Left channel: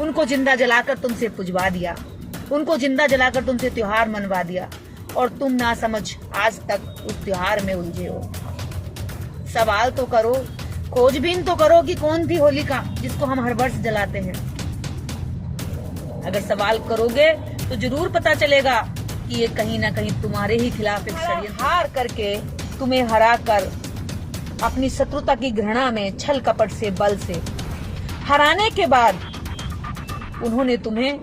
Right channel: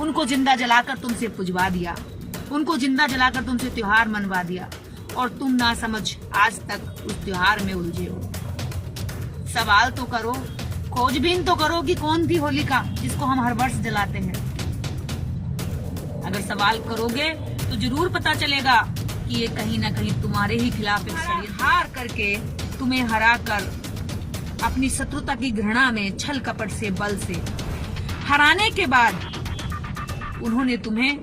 उनको जिंदा जलाकर तुमसे पुजवा दिया, उनको जिंदा जलाकर तुमसे त्योहार मनवा दिया और तुम ना समझ आज तक उस त्योहार में उलझे हो। सवाल तो करो, खोजबीन तो करो कि कौन थी होलिका जिसको हम हर वर्ष जलाते हैं। अगर सवाल करोगे तो जरूर पता चलेगा कि ये कहीं ना कहीं तुम्हारे ही खिलाफ एक षड्यंत्र। हार करके तुम्हें हरा कर अपनी शत्रुता की घृणा में छल कपट से बल से हराने के बाद उन्होंने तुम्हें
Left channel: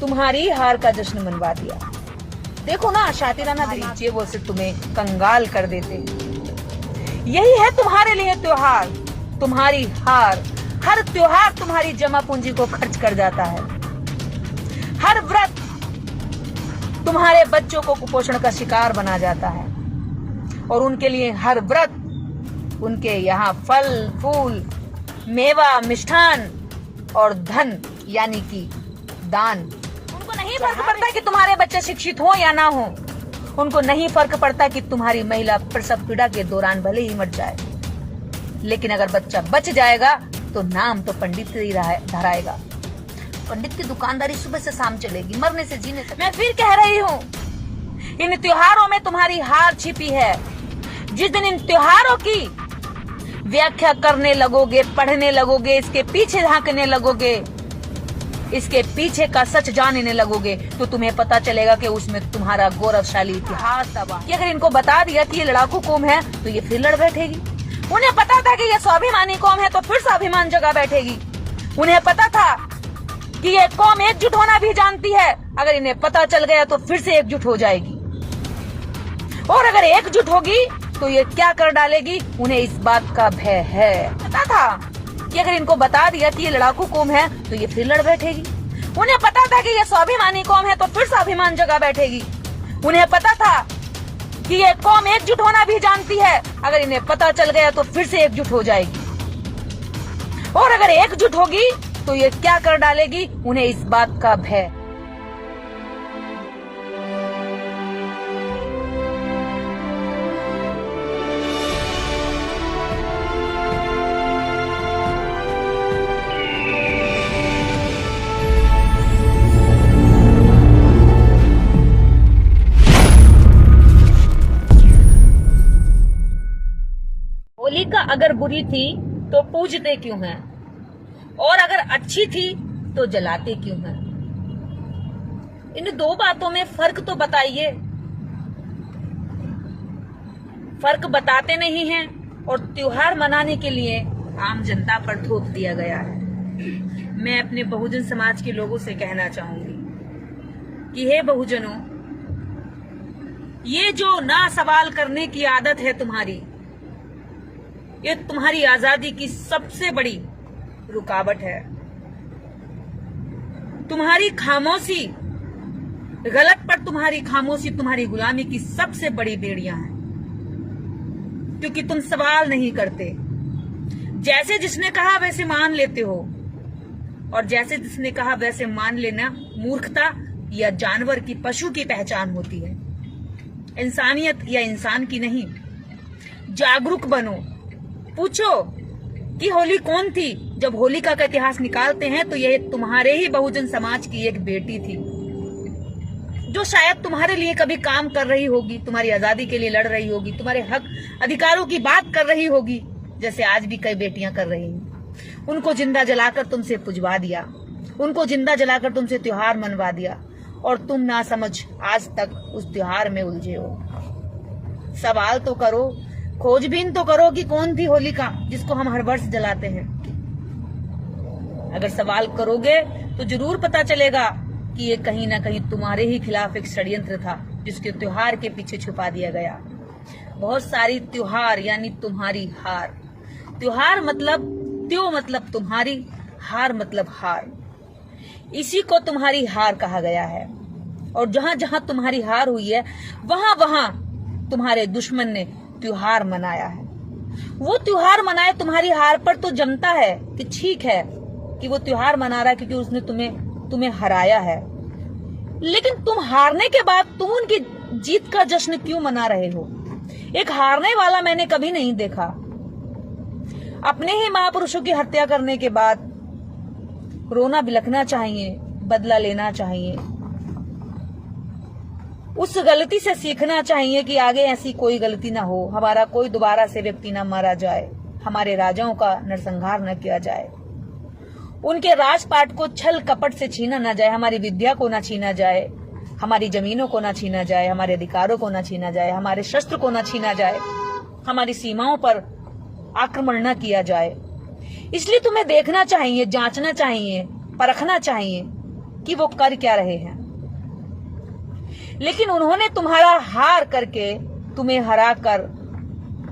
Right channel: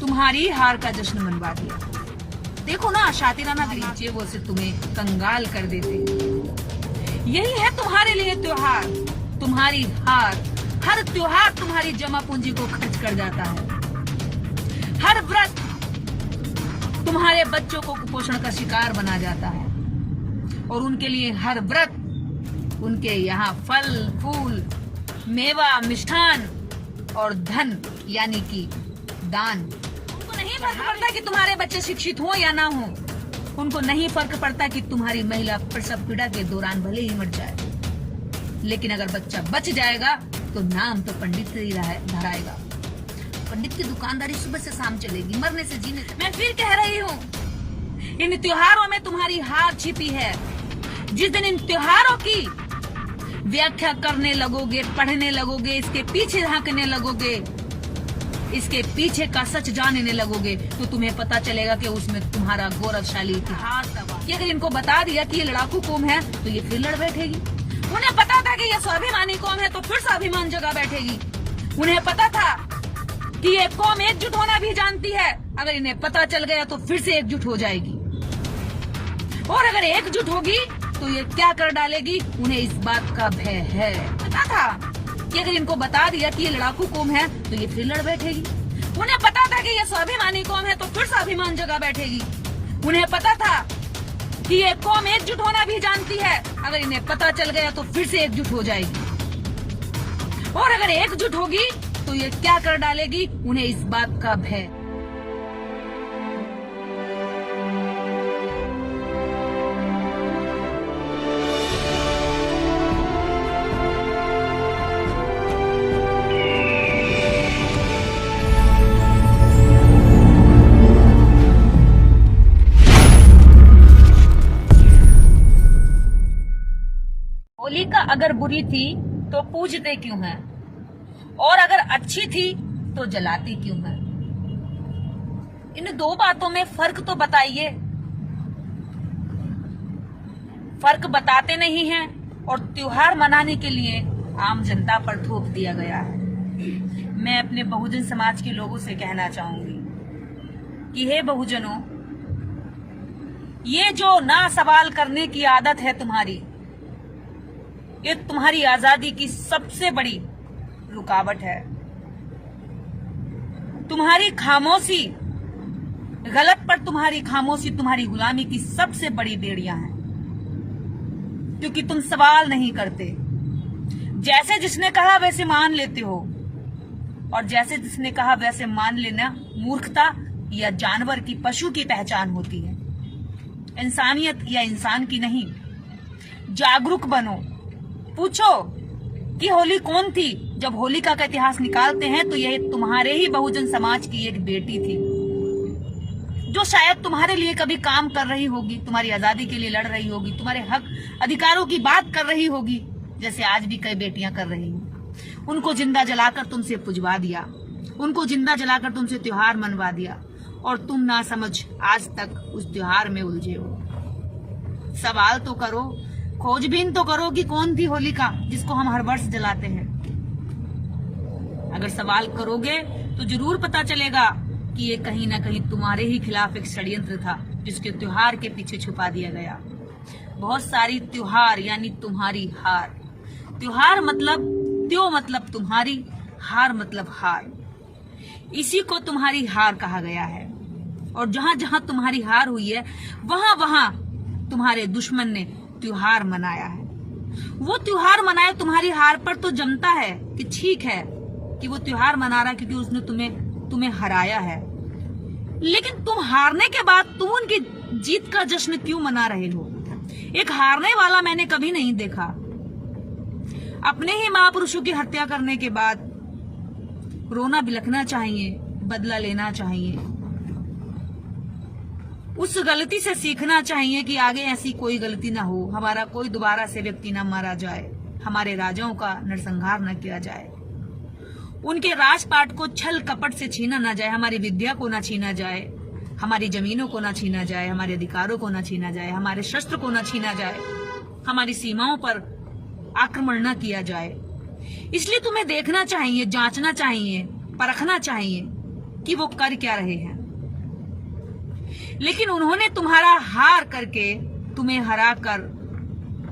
तुम्हारी हार का जश्न मनवा दिया। देखो ना, शातिराना दिलीचे वो से तुम्हें कंगाल कर देते। यही है तुम्हारे लिए त्योहार, तुम्हारी हार। हर त्योहार तुम्हारी जमा पूंजी को खर्च कर जाता है। हर व्रत तुम्हारे बच्चों को कुपोषण का शिकार बना जाता है और उनके लिए हर व्रत उनके यहाँ फल फूल मेवा मिष्ठान और धन यानी कि दान। उनको नहीं फर्क पड़ता कि तुम्हारे बच्चे शिक्षित हो या ना हो। उनको नहीं फर्क पड़ता कि तुम्हारी महिला प्रसव पीड़ा के दौरान भले ही मर जाए, लेकिन अगर बच्चा बच जाएगा तो नाम तो पंडित ही धराएगा। पंडित की दुकानदारी सुबह से शाम चलेगी, मरने से जीने से। मैं फिर कह रही हूँ, इन त्योहारों में तुम्हारी हार छिपी है। जिस दिन इन त्योहारों की व्याख्या करने लगोगे, पढ़ने लगोगे, इसके पीछे झांकने लगोगे, इसके पीछे का सच जानने लगोगे, तो तुम्हें पता चलेगा कि उसमें तुम्हारा गौरवशाली इतिहास था। कि अगर इनको बता दिया कि ये लड़ाकू कौम है तो ये फिर लड़ बैठेगी। उन्हें पता था कि ये स्वाभिमानी कौम है तो फिर स्वाभिमान जगा बैठेगी। उन्हें पता था कि ये कौम एकजुट होना भी जानती है, अगर इन्हें पता चल गया तो फिर से एकजुट हो जाएगी। और अगर एकजुट होगी तो ये क्या कर डालेगी, उन्हें इस बात का भय है। पता था कि अगर इनको बता दिया कि ये लड़ाकू कौम है तो ये फिर लड़ बैठेगी। उन्हें पता था कि ये स्वाभिमानी कौम है तो फिर स्वाभिमान जगा बैठेगी। उन्हें पता था कि ये कौम एकजुट होना भी जानती है, अगर इन्हें पता चल गया तो फिर से एकजुट हो जाएगी। और अगर एकजुट होगी तो ये क्या कर डालेगी, उन्हें इस बात का भय। होलिका अगर बुरी थी तो पूजते क्यों हैं, और अगर अच्छी थी तो जलाते क्यों हैं? इन दो बातों में फर्क तो बताइए। फर्क बताते नहीं हैं और त्योहार मनाने के लिए आम जनता पर थोप दिया गया है। मैं अपने बहुजन समाज के लोगों से कहना चाहूंगी कि हे बहुजनों, ये जो ना सवाल करने की आदत है तुम्हारी, ये तुम्हारी आजादी की सबसे बड़ी रुकावट है। तुम्हारी खामोशी, गलत पर तुम्हारी खामोशी तुम्हारी गुलामी की सबसे बड़ी बेड़ियां हैं, क्योंकि तुम सवाल नहीं करते। जैसे जिसने कहा वैसे मान लेते हो, और जैसे जिसने कहा वैसे मान लेना मूर्खता या जानवर की, पशु की पहचान होती है, इंसानियत या इंसान की नहीं। जागरूक बनो, पूछो कि होली कौन थी। जब होलिका का इतिहास निकालते हैं तो यह तुम्हारे ही बहुजन समाज की एक बेटी थी, जो शायद तुम्हारे लिए कभी काम कर रही होगी, तुम्हारी आजादी के लिए लड़ रही होगी, तुम्हारे हक अधिकारों की बात कर रही होगी, जैसे आज भी कई बेटियां कर रही हैं। उनको जिंदा जलाकर तुमसे पुजवा दिया, उनको जिंदा जलाकर तुमसे त्योहार मनवा दिया और तुम ना समझ आज तक उस त्योहार में उलझे हो। सवाल तो करो, खोजबीन तो करो कि कौन थी होलिका जिसको हम हर वर्ष जलाते हैं। अगर सवाल करोगे तो जरूर पता चलेगा कि ये कहीं ना कहीं तुम्हारे ही खिलाफ एक षड्यंत्र था, जिसके त्योहार के पीछे छुपा दिया गया। बहुत सारी त्योहार यानी तुम्हारी हार। त्योहार मतलब त्यों मतलब तुम्हारी, हार मतलब हार। इसी को तुम्हारी हार कहा गया है। और जहां जहां तुम्हारी हार हुई है वहां वहां तुम्हारे दुश्मन ने त्योहार मनाया है। वो त्योहार मनाए तुम्हारी हार पर तो जमता है कि ठीक है कि वो त्योहार मना रहा है क्योंकि उसने तुम्हें हराया है, लेकिन तुम हारने के बाद तुम उनकी जीत का जश्न क्यों मना रहे हो? एक हारने वाला मैंने कभी नहीं देखा। अपने ही महापुरुषों की हत्या करने के बाद रोना बिलखना चाहिए, बदला लेना चाहिए, उस गलती से सीखना चाहिए कि आगे ऐसी कोई गलती ना हो, हमारा कोई दोबारा से व्यक्ति ना मारा जाए, हमारे राजाओं का नरसंहार न किया जाए, उनके राजपाट को छल कपट से छीना न जाए, हमारी विद्या को न छीना जाए, हमारी जमीनों को न छीना जाए, हमारे अधिकारों को न छीना जाए, हमारे शस्त्र को न छीना जाए, हमारी सीमाओं पर आक्रमण न किया जाए। इसलिए तुम्हें देखना चाहिए, जांचना चाहिए, परखना चाहिए कि वो कर क्या रहे हैं। लेकिन उन्होंने तुम्हारा हार करके, तुम्हें हरा कर,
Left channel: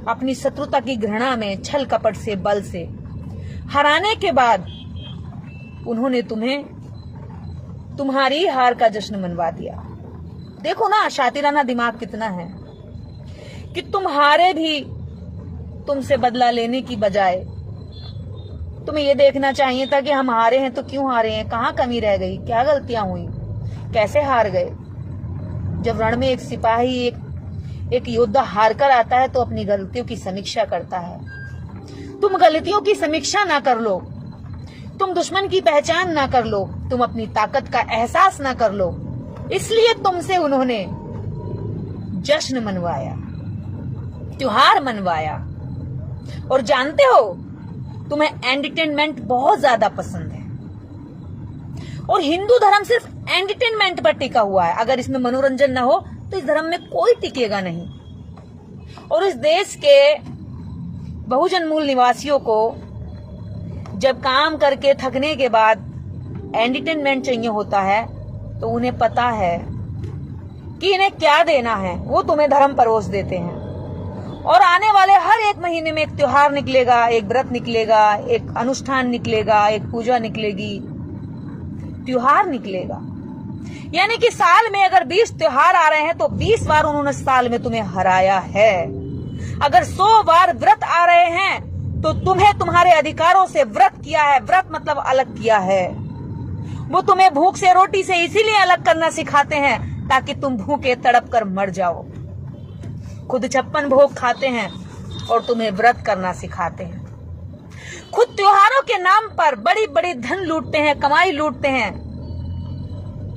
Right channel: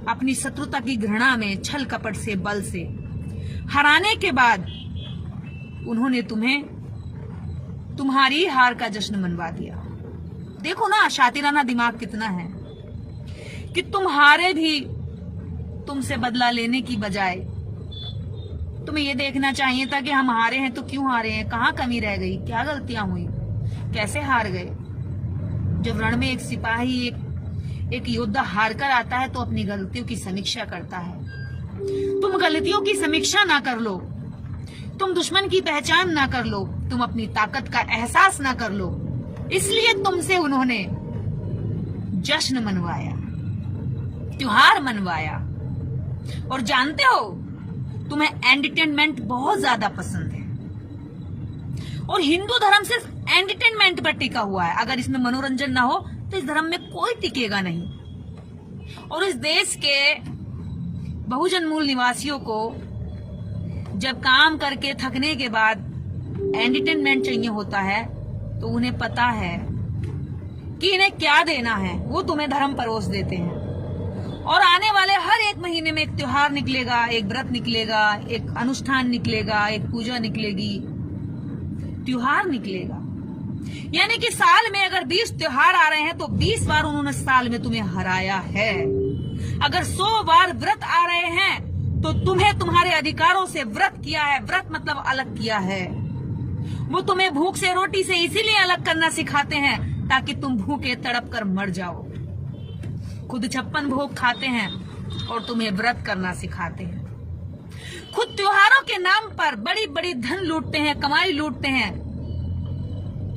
अपनी शत्रुता की घृणा में छल कपट से, बल से हराने के बाद उन्होंने तुम्हें तुम्हारी हार का जश्न मनवा दिया। देखो ना शातिराना दिमाग कितना है कि तुम हारे भी तुमसे बदला लेने की बजाय तुम्हें यह देखना चाहिए था कि हम हारे हैं तो क्यों हारे हैं, कहां कमी रह गई, क्या गलतियां हुई, कैसे हार गए। जब रण में एक सिपाही, एक योद्धा हार कर आता है तो अपनी गलतियों की समीक्षा करता है। तुम गलतियों की समीक्षा ना कर लो, तुम दुश्मन की पहचान ना कर लो, तुम अपनी ताकत का एहसास ना कर लो, इसलिए तुमसे उन्होंने जश्न मनवाया, त्योहार मनवाया। और जानते हो तुम्हें एंटरटेनमेंट बहुत ज्यादा पसंद है, और हिंदू धर्म सिर्फ एंटरटेनमेंट पर टिका हुआ है। अगर इसमें मनोरंजन ना हो तो इस धर्म में कोई टिकेगा नहीं। और इस देश के बहुजन मूल निवासियों को जब काम करके थकने के बाद एंटरटेनमेंट चाहिए होता है तो उन्हें पता है कि इन्हें क्या देना है, वो तुम्हें धर्म परोस देते हैं। और आने वाले हर एक महीने में एक त्योहार निकलेगा, एक व्रत निकलेगा, एक अनुष्ठान निकलेगा, एक पूजा निकलेगी, त्योहार निकलेगा। यानी कि साल में अगर 20 त्योहार आ रहे हैं तो 20 बार उन्होंने साल में तुम्हें हराया है। अगर 100 बार व्रत आ रहे हैं तो तुम्हें तुम्हारे अधिकारों से व्रत किया है। व्रत मतलब अलग किया है। वो तुम्हें भूख से, रोटी से इसीलिए अलग करना सिखाते हैं ताकि तुम भूखे तड़प कर मर जाओ। खुद 56 भोग खाते हैं और तुम्हें व्रत करना सिखाते हैं। खुद त्योहारों के नाम पर बड़ी बड़ी धन लूटते हैं, कमाई लूटते हैं,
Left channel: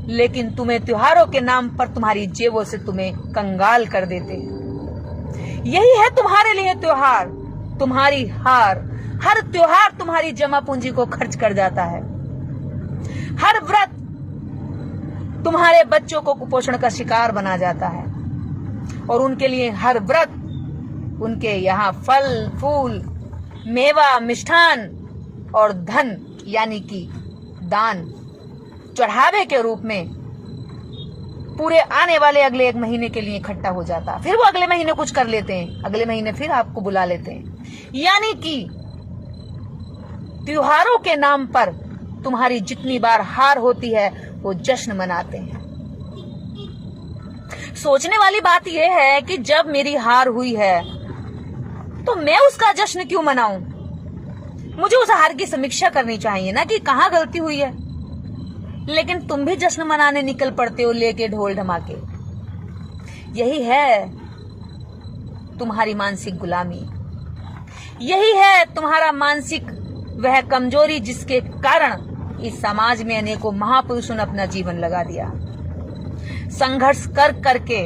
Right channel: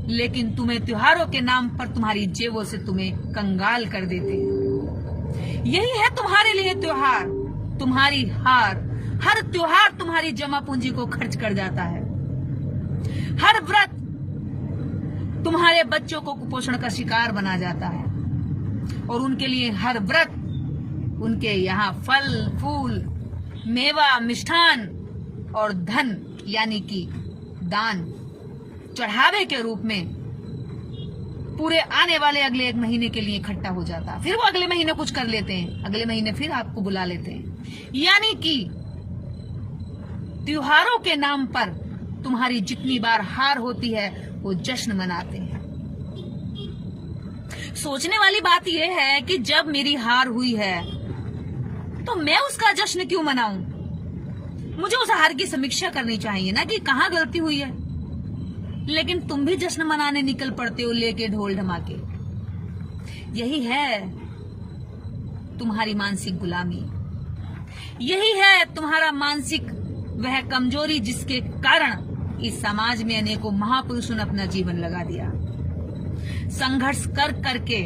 लेकिन तुम्हें त्योहारों के नाम पर तुम्हारी जेबों से तुम्हें कंगाल कर देते हैं। यही है तुम्हारे लिए त्योहार, तुम्हारी हार। हर त्योहार तुम्हारी जमा पूंजी को खर्च कर जाता है। हर व्रत तुम्हारे बच्चों को कुपोषण का शिकार बना जाता है, और उनके लिए हर व्रत उनके यहाँ फल फूल, मेवा, मिष्ठान और धन यानी कि दान चढ़ावे के रूप में पूरे आने वाले अगले 1 महीने के लिए इकट्ठा हो जाता। फिर वो अगले महीने कुछ कर लेते हैं, अगले महीने फिर आपको बुला लेते हैं। यानी कि त्योहारों के नाम पर तुम्हारी जितनी बार हार होती है वो जश्न मनाते हैं। सोचने वाली बात यह है कि जब मेरी हार हुई है तो मैं उसका जश्न क्यों मनाऊं? मुझे उस हार की समीक्षा करनी चाहिए ना कि कहां गलती हुई है। लेकिन तुम भी जश्न मनाने निकल पड़ते हो लेके ढोल धमाके। यही है तुम्हारी मानसिक गुलामी, यही है तुम्हारा मानसिक वह कमजोरी जिसके कारण इस समाज में अनेकों महापुरुषों ने अपना जीवन लगा दिया। संघर्ष कर करके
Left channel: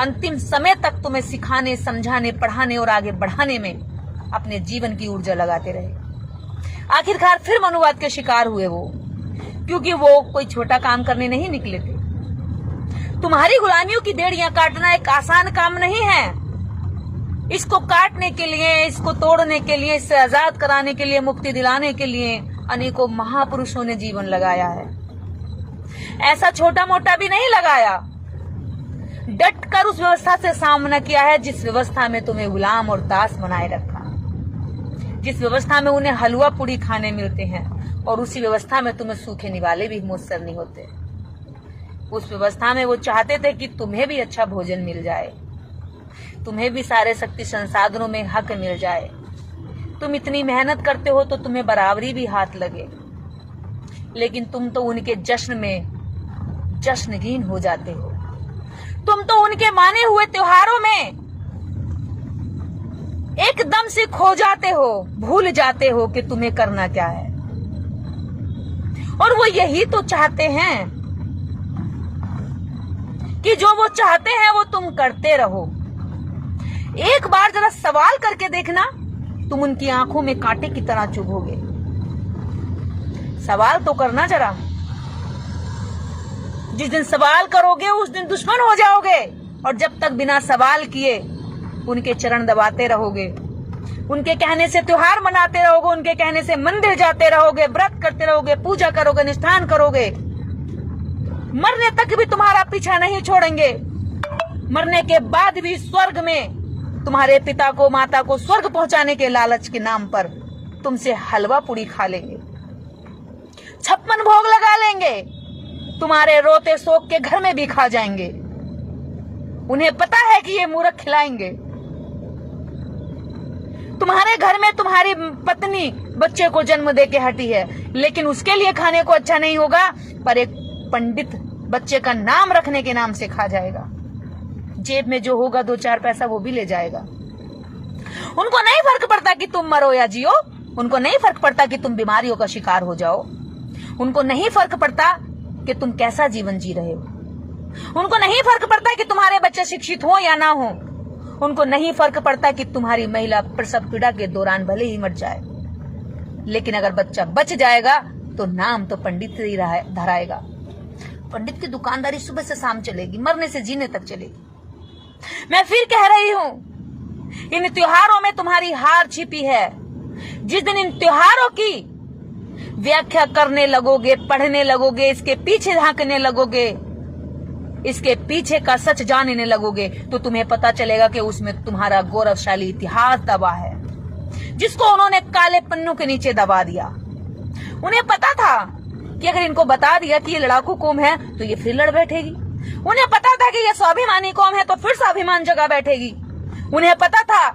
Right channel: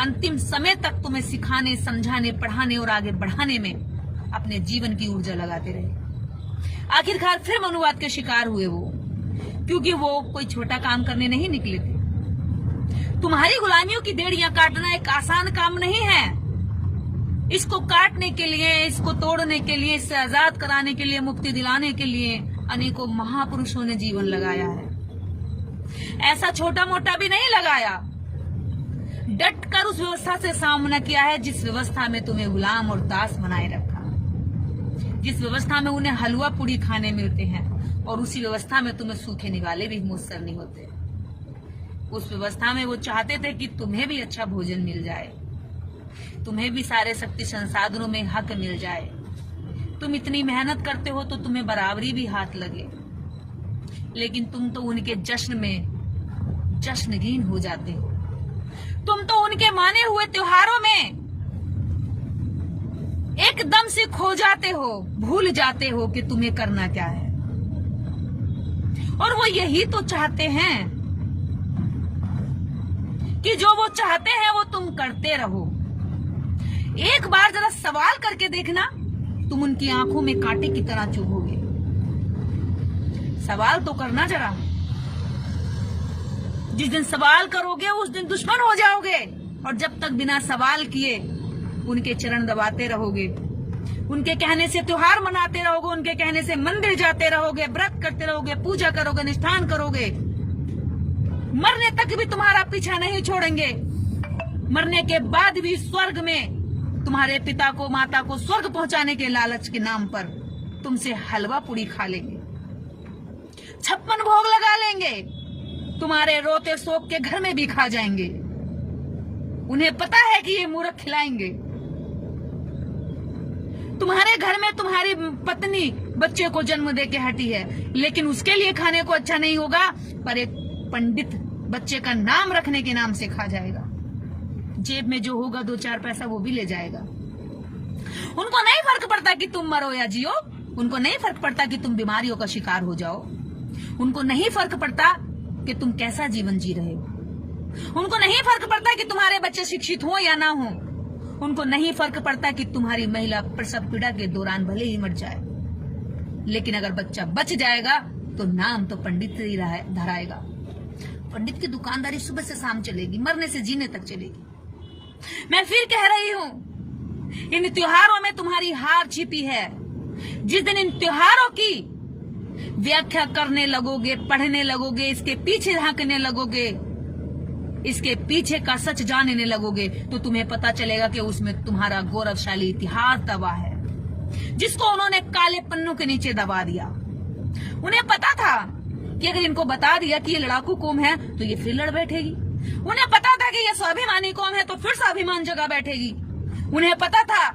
अंतिम समय तक तुम्हें सिखाने, समझाने, पढ़ाने और आगे बढ़ाने में अपने जीवन की ऊर्जा लगाते रहे। आखिरकार फिर मनुवाद के शिकार हुए वो, क्योंकि वो कोई छोटा काम करने नहीं निकले थे। तुम्हारी गुलामियों की बेड़ियां काटना एक आसान काम नहीं है। इसको काटने के लिए, इसको तोड़ने के लिए, इससे आजाद कराने के लिए, मुक्ति दिलाने के लिए अनेकों महापुरुषों ने जीवन लगाया है। ऐसा छोटा मोटा भी नहीं लगाया, डट कर उस व्यवस्था से सामना किया है जिस व्यवस्था में तुम्हें गुलाम और दास बनाए रखा, जिस व्यवस्था में उन्हें हलवा पूड़ी खाने मिलते हैं और उसी व्यवस्था में तुम्हें सूखे निवाले भी मुयस्सर नहीं होते। उस व्यवस्था में वो चाहते थे कि तुम्हें भी अच्छा भोजन मिल जाए, तुम्हें भी सारे शक्ति संसाधनों में हक मिल जाए। तुम इतनी मेहनत करते हो तो तुम्हें बराबरी भी हाथ लगे, लेकिन तुम तो उनके जश्न में जश्नगीन हो जाते हो। तुम तो उनके माने हुए त्योहारों में एकदम से खो जाते हो, भूल जाते हो कि तुम्हें करना क्या है। और वो यही तो चाहते हैं कि जो वो चाहते हैं वो तुम करते रहो। एक बार जरा सवाल करके देखना, तुम उनकी आंखों में कांटे की तरह चुभोगे। सवाल तो करना जरा। जिस दिन सवाल करोगे उस दिन दुश्मन हो जाओगे, और जब तक बिना सवाल किए उनके चरण दबाते रहोगे, उनके कहने से त्योहार मनाते रहोगे, उनके कहने से मंदिर जाते रहोगे, व्रत करते रहोगे, पूजा करोगे, निष्ठान करोगे, मरने तक भी तुम्हारा पीछा नहीं छोड़ेंगे। मरने के बाद भी स्वर्ग में तुम्हारे पिता को माता को स्वर्ग पहुंचाने के लालच के नाम पर तुमसे हलवा पूरी खा लेंगे, 56 भोग लगा लेंगे, तुम्हारे रोते शोक के घर में भी खा जाएंगे। उन्हें पता है कि ये मूर्ख खिलाएंगे। तुम्हारे घर में तुम्हारी पत्नी बच्चे को जन्म दे के हटी है, लेकिन उसके लिए खाने को अच्छा नहीं होगा, पर एक पंडित बच्चे का नाम रखने के नाम से खा जाएगा। जेब में जो होगा 2-4 पैसा वो भी ले जाएगा। उनको नहीं फर्क पड़ता कि तुम मरो या जियो, उनको नहीं फर्क पड़ता कि तुम बीमारियों का शिकार हो जाओ, उनको नहीं फर्क पड़ता कि तुम कैसा जीवन जी रहे हो, उनको नहीं फर्क पड़ता कि तुम्हारे बच्चे शिक्षित हो या ना हो, उनको नहीं फर्क पड़ता कि तुम्हारी महिला प्रसव पीड़ा के दौरान भले ही मर जाए, लेकिन अगर बच्चा बच जाएगा तो नाम तो पंडित से ही धराएगा। पंडित की दुकानदारी सुबह से शाम चलेगी, मरने से जीने तक चलेगी। मैं फिर कह रही हूं, इन त्योहारों में तुम्हारी हार छिपी है। जिस दिन इन त्योहारों की व्याख्या करने लगोगे, पढ़ने लगोगे, इसके पीछे झांकने लगोगे, इसके पीछे का सच जानने लगोगे, तो तुम्हें पता चलेगा कि उसमें तुम्हारा गौरवशाली इतिहास दबा है, जिसको उन्होंने काले पन्नों के नीचे दबा दिया। उन्हें पता था कि अगर इनको बता दिया कि ये लड़ाकू कौम है तो ये फिर लड़ बैठेगी। उन्हें पता था कि ये स्वाभिमानी कौम है तो फिर स्वाभिमान जगा बैठेगी। उन्हें पता था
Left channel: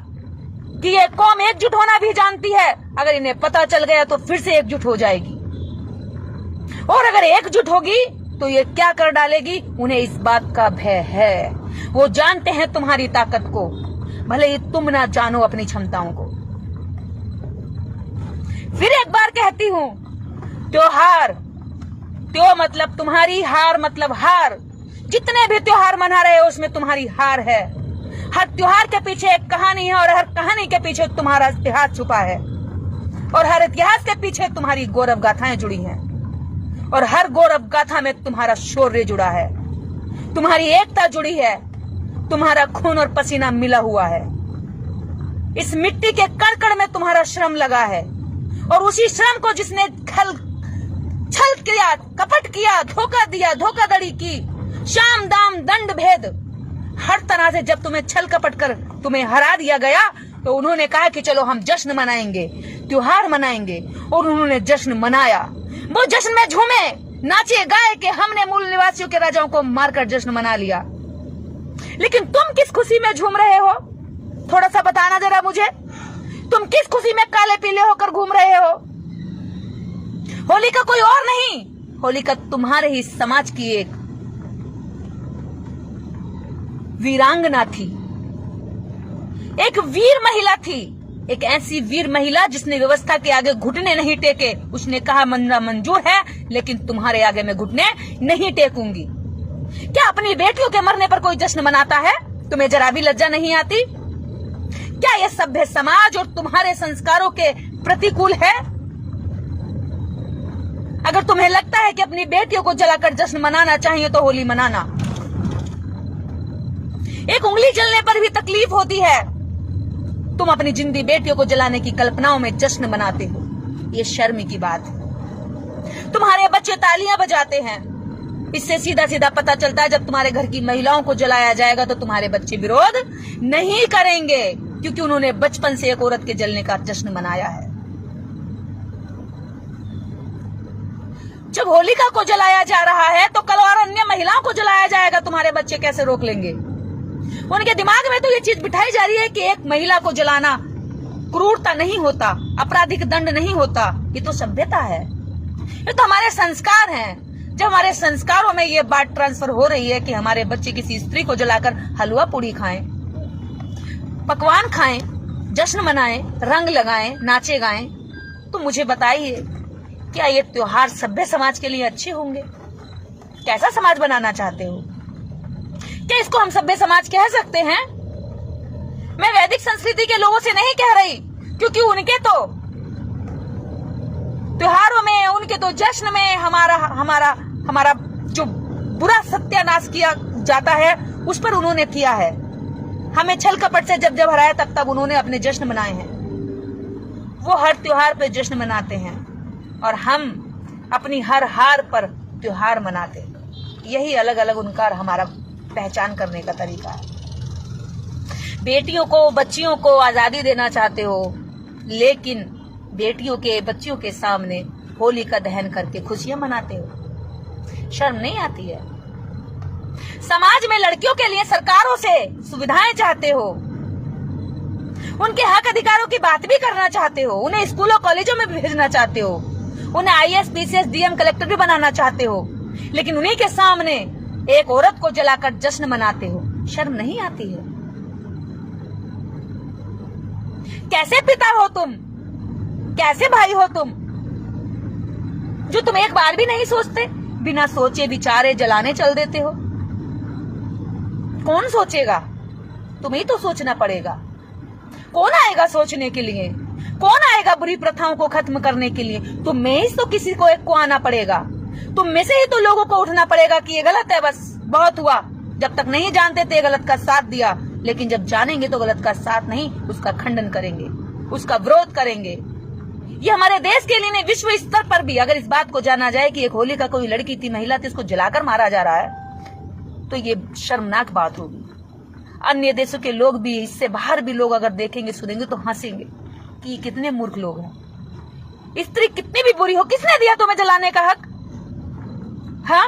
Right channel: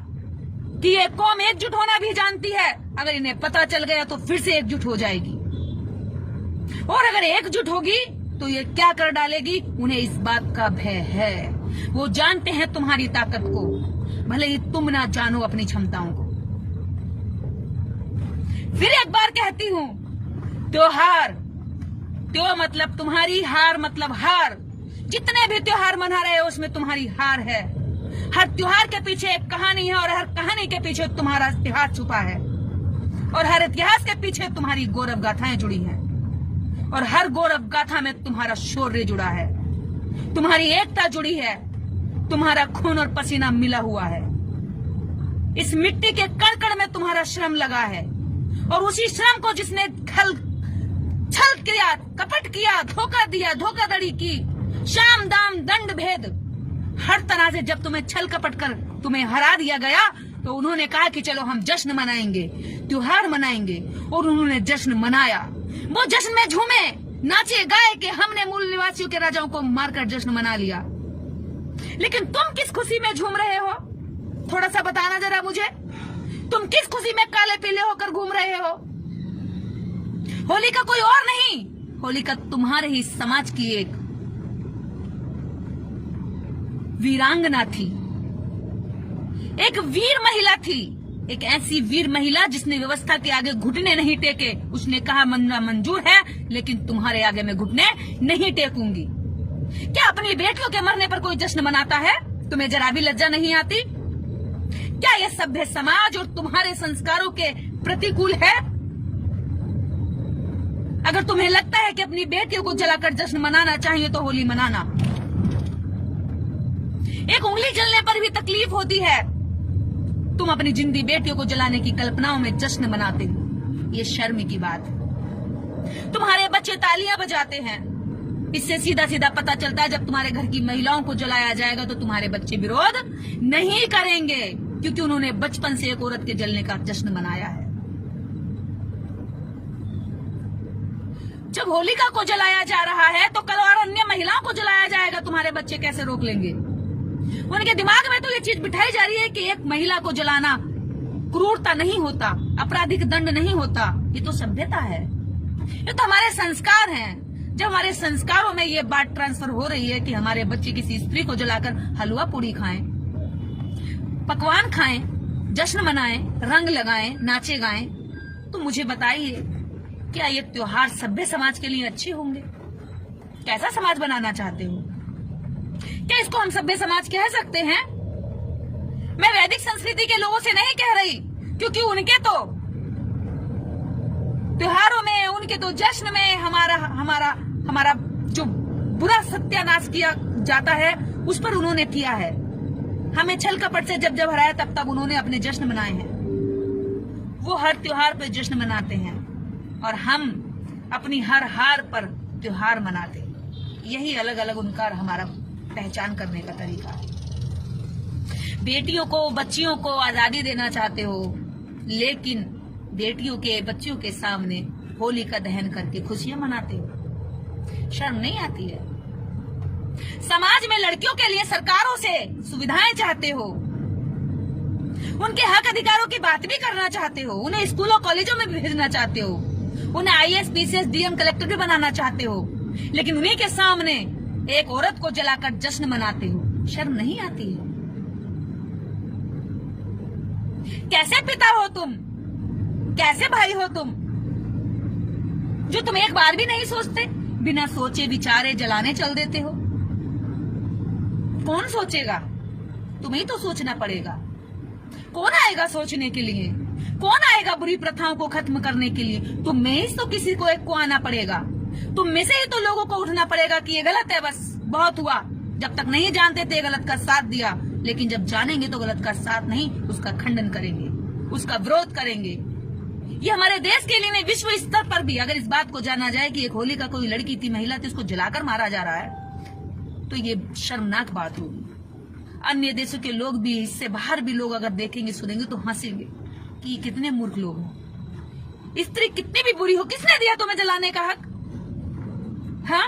कि ये कौम एकजुट होना भी जानती है, अगर इन्हें पता चल गया तो फिर से एकजुट हो जाएगी, और अगर एकजुट होगी तो ये क्या कर डालेगी, उन्हें इस बात का भय है। वो जानते हैं तुम्हारी ताकत को, भले ही तुम ना जानो अपनी क्षमताओं को। फिर एक बार कहती हूं, त्योहार, त्यो मतलब तुम्हारी, हार मतलब हार। जितने भी त्योहार मना रहे हो उसमें तुम्हारी हार है। हर त्योहार के पीछे एक कहानी है, और हर कहानी के पीछे तुम्हारा इतिहास छुपा है, और हर इतिहास के पीछे तुम्हारी गौरव गाथाएं जुड़ी हैं, और हर गौरव गाथा में तुम्हारा शौर्य जुड़ा है, तुम्हारी एकता जुड़ी है, तुम्हारा खून और पसीना मिला हुआ है। इस मिट्टी के कण में तुम्हारा श्रम लगा है, और उसी श्रम को जिसने छल किया, कपट किया, धोखा दिया, धोखाधड़ी की, शाम दाम दंड भेद, हर तरह से जब तुम्हें छल कपट कर तुम्हें हरा दिया गया, तो उन्होंने कहा कि चलो हम जश्न मनाएंगे, त्योहार मनाएंगे, और उन्होंने जश्न मनाया। वो जश्न में झूमे, नाचे, गाए कि हमने मूल निवासियों के राजाओं को मारकर जश्न मना लिया। लेकिन तुम किस खुशी में झूम रहे हो, थोड़ा सा बताना जरा मुझे। तुम किस खुशी में काले पीले होकर घूम रहे हो? होलिका कोई और नहीं, होलिका तुम्हारे ही समाज की एक वीरांगना थी, एक वीर महिला थी, एक ऐसी वीर महिला जिसने व्यवस्था के आगे घुटने नहीं टेके। उसने कहा मरना मंजूर है, लेकिन तुम्हारे आगे मैं घुटने नहीं टेकूंगी। क्या अपनी बेटियों के मरने पर कोई जश्न मनाता है? तुम्हें जरा भी लज्जा नहीं आती? क्या यह सभ्य समाज और तुम्हारे संस्कारों के प्रतिकूल है? अगर तुम्हें लगता है कि अपनी बेटियों को जलाकर जश्न मनाना चाहिए तो होली मनाना। एक उंगली जलने पर भी तकलीफ होती है, तुम अपनी जिंदी बेटियों को जलाने की कल्पनाओं में जश्न मनाते हो। ये शर्म की बात है। तुम्हारे बच्चे तालियां बजाते हैं, इससे सीधा सीधा पता चलता है जब तुम्हारे घर की महिलाओं को जलाया जाएगा तो तुम्हारे बच्चे विरोध नहीं करेंगे, क्योंकि उन्होंने बचपन से एक औरत के जलने का जश्न मनाया है। जब होलिका को जलाया जा रहा है तो कल और अन्य महिलाओं को जलाया जाएगा, तुम्हारे बच्चे कैसे रोक लेंगे? उनके दिमाग में तो ये चीज बिठाई जा रही है कि एक महिला को जलाना क्रूरता नहीं होता, आपराधिक दंड नहीं होता, ये तो सभ्यता है, ये तो हमारे संस्कार हैं। जब हमारे संस्कारों में ये बात ट्रांसफर हो रही है कि हमारे बच्चे किसी स्त्री को जलाकर हलवा पूड़ी खाएं, पकवान खाएं, जश्न मनाएं, रंग लगाएं, नाचे गाएं, तो मुझे बताइए क्या ये त्योहार सभ्य समाज के लिए अच्छे होंगे? कैसा समाज बनाना चाहते हो? क्या इसको हम सभ्य समाज कह सकते हैं? मैं वैदिक संस्कृति के लोगों से नहीं कह रही, क्योंकि उनके तो त्योहारों में, उनके तो जश्न में हमारा जो बुरा सत्यानाश किया जाता है उस पर उन्होंने किया है। हमें छल कपट से जब हराया तब उन्होंने अपने जश्न मनाए हैं। वो हर त्योहार पे जश्न मनाते हैं और हम अपनी हर हार पर त्योहार मनाते हैं। यही अलग अलग उनका और हमारा पहचान करने का तरीका है। बेटियों को, बच्चियों को आजादी देना चाहते हो, लेकिन बेटियों के, बच्चियों के सामने होली का दहन करके खुशियां मनाते हो। शर्म नहीं आती है? समाज में लड़कियों के लिए सरकारों से सुविधाएं चाहते हो, उनके हक अधिकारों की बात भी करना चाहते हो, उन्हें स्कूलों कॉलेजों में भी भेजना चाहते हो, उन्हें आईएएस, पीसीएस, डीएम, कलेक्टर भी बनाना चाहते हो, लेकिन उन्हीं के सामने एक औरत को जलाकर जश्न मनाते हो। शर्म नहीं आती है? कैसे पिता हो तुम? कैसे भाई हो तुम, जो तुम एक बार भी नहीं सोचते? बिना सोचे विचारे जलाने चल देते हो। कौन सोचेगा? तुम्हें तो सोचना पड़ेगा। कौन आएगा सोचने के लिए? कौन आएगा बुरी प्रथाओं को खत्म करने के लिए? तुम में ही तो किसी को एक को आना पड़ेगा। तुम में से ही तो लोगों को उठना पड़ेगा कि ये गलत है, बस बहुत हुआ। जब तक नहीं जानते थे गलत का साथ दिया, लेकिन जब जानेंगे तो गलत का साथ नहीं, उसका खंडन करेंगे, उसका विरोध करेंगे। ये हमारे देश के लिए नहीं, विश्व स्तर पर भी अगर इस बात को जाना जाए कि एक होली का कोई लड़की थी, महिला थी, उसको जलाकर मारा जा रहा है, तो ये शर्मनाक बात होगी। अन्य देशों के लोग भी, इससे बाहर भी लोग अगर देखेंगे, सुनेंगे तो हंसेंगे कि ये कितने मूर्ख लोग हैं। स्त्री कितनी भी बुरी हो, किसने दिया तुम्हें जलाने का हक? हाँ,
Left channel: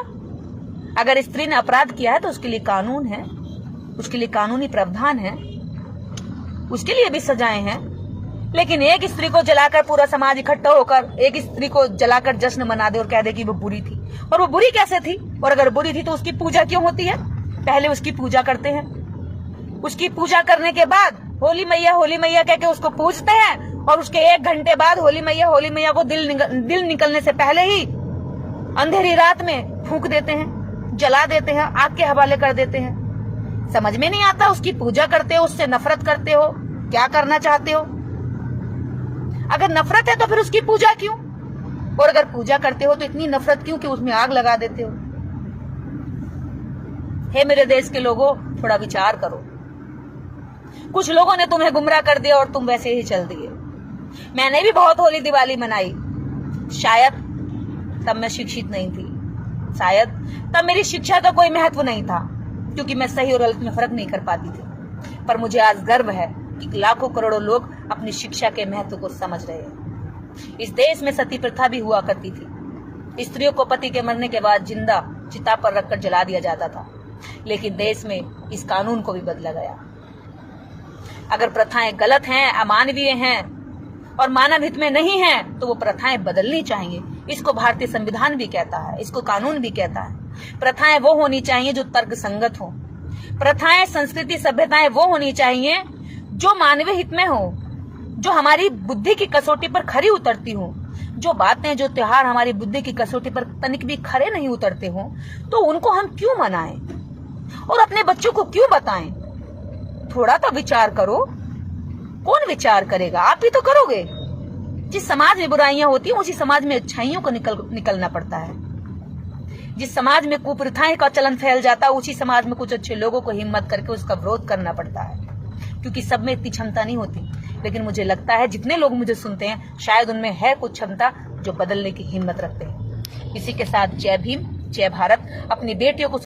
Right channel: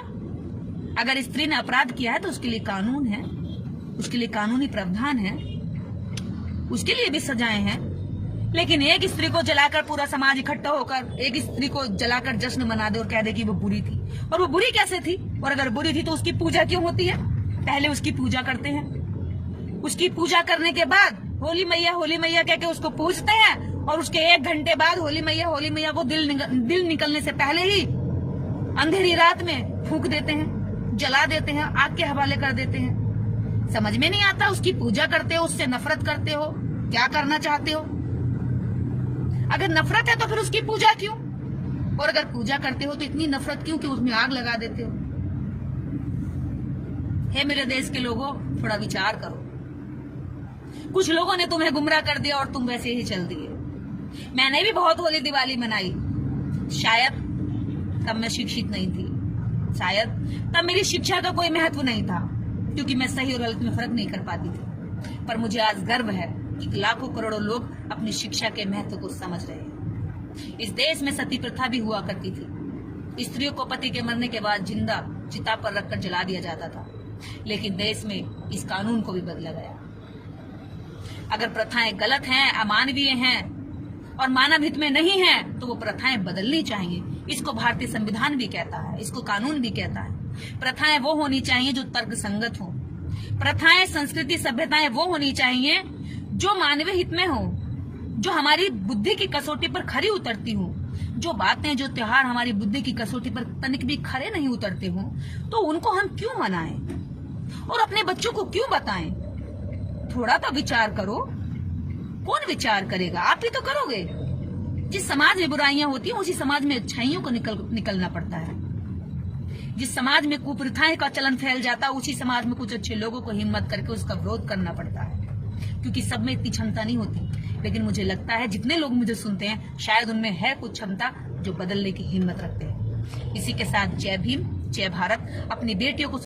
अगर स्त्री ने अपराध किया है तो उसके लिए कानून है, उसके लिए कानूनी प्रावधान है, उसके लिए भी सजाएं हैं। लेकिन एक स्त्री को जलाकर पूरा समाज इकट्ठा होकर एक स्त्री को जलाकर जश्न मना दे और कह दे कि वो बुरी थी। और वो बुरी कैसे थी? और अगर बुरी थी तो उसकी पूजा क्यों होती है? पहले उसकी पूजा करते हैं, उसकी पूजा करने के बाद होली मैया कह के उसको पूजते हैं, और उसके 1 घंटे बाद होली मैया को दिल निकलने से पहले ही अंधेरी रात में फूंक देते हैं, जला देते हैं, आग के हवाले कर देते हैं। समझ में नहीं आता, उसकी पूजा करते हो, उससे नफरत करते हो, क्या करना चाहते हो? अगर नफरत है तो फिर उसकी पूजा क्यों? और अगर पूजा करते हो तो इतनी नफरत क्यों कि उसमें आग लगा देते हो? हे मेरे देश के लोगों, थोड़ा विचार करो। कुछ लोगों ने तुम्हें गुमराह कर दिया और तुम वैसे ही चल दिए। मैंने भी बहुत होली दिवाली मनाई, शायद तब मैं शिक्षित नहीं थी, शायद तब मेरी शिक्षा का कोई महत्व नहीं था, क्योंकि मैं सही और गलत में फर्क नहीं कर पाती थी। पर मुझे आज गर्व है कि लाखों करोड़ों लोग अपनी शिक्षा के महत्व को समझ रहे हैं। इस देश में सती प्रथा भी हुआ करती थी। स्त्रियों को पति के मरने के बाद जिंदा चिता पर रखकर जला दिया जाता था, लेकिन देश में इस कानून को भी बदला गया। अगर प्रथाएं गलत हैं, अमानवीय हैं और मानव हित में नहीं हैं, तो वो प्रथाएं बदलनी चाहिए। इसको भारतीय संविधान भी कहता है, इसको कानून भी कहता है। प्रथाएं वो होनी चाहिए जो तर्कसंगत हो। प्रथाएं, संस्कृति, सभ्यताएं वो होनी चाहिए जो मानवीय हित में हो, जो हमारी बुद्धि की कसौटी पर खरी उतरती हो। जो बातें, जो त्योहार हमारी बुद्धि की कसौटी पर तनिक भी खरे नहीं उतरते हो, तो उनको हम क्यों मनाएं और अपने बच्चों को क्यों बताएं? थोड़ा तो विचार करो। कौन विचार करेगा? आप ही तो करोगे। जिस समाज में बुराइयां होती हैं, उसी समाज में अच्छाइयों को निकलना पड़ता है। जिस समाज में कुप्रथाएं का चलन फैल जाता है, उसी समाज में कुछ अच्छे लोगों को हिम्मत करके उसका विरोध करना पड़ता है, क्योंकि सब में इतनी क्षमता नहीं होती। लेकिन मुझे लगता है जितने लोग मुझे सुनते हैं, शायद उनमें है कुछ क्षमता जो बदलने की हिम्मत रखते हैं। इसी के साथ जय भीम, जय भारत। अपनी बेटियों को